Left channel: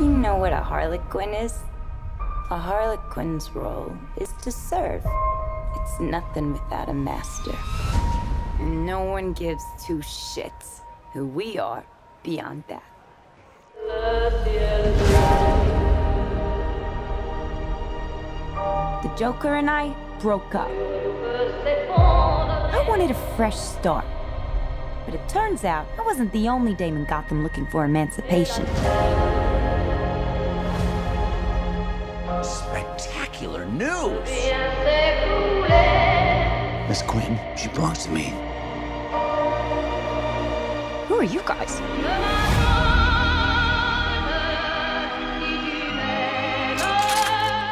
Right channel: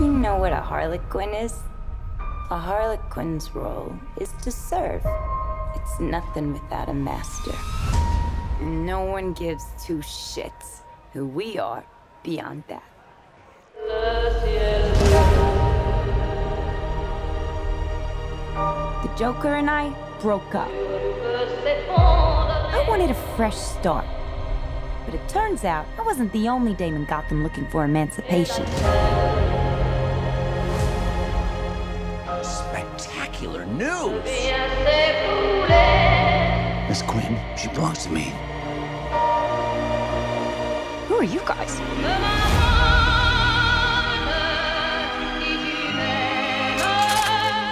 You know what a harlequin is? A harlequin's role is to serve. It's nothing without a master. And no one gives two shits who we are beyond that. The Joker and I broke up. I wanted a fresh start. But it turns out I wasn't the only dame in Gotham looking for emancipation. Spectacular news! Miss Quinn, she belongs to me. Who are you guys?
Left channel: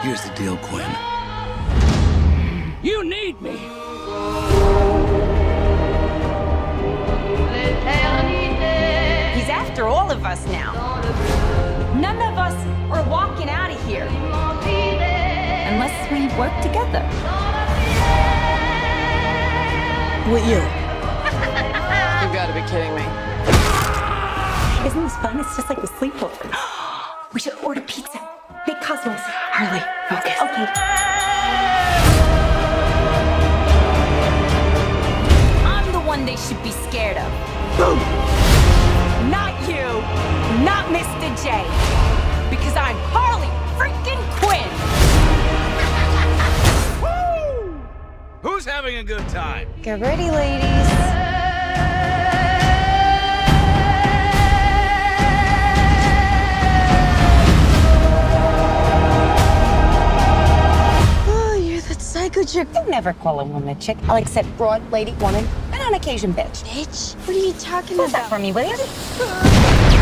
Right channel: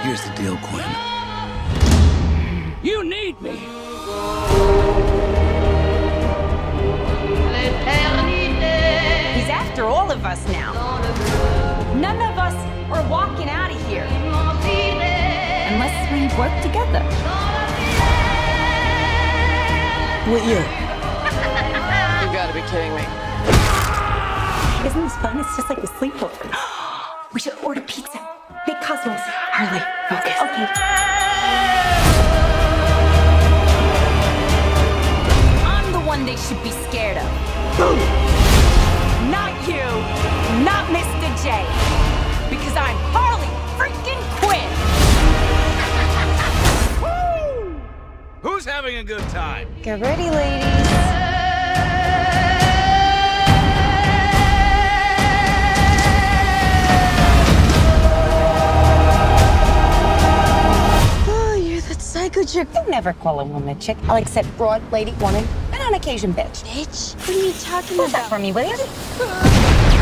Here's the deal, Quinn. You need me! He's after all of us now. None of us are walking out of here. Unless we work together. With you. You gotta be kidding me. Isn't this fun? It's just like a sleepover. We should order pizza. Big Cosmos. Harley, focus. Okay. I'm the one they should be scared of. Boom! Not you. Not Mr. J. Because I'm Harley freaking Quinn. Woo! Who's having a good time? Get ready, ladies. Psycho chick. I never call a woman a chick. I'll accept broad, lady, woman, and on occasion bitch. Bitch? What are you talking Hold that about? for me, will you?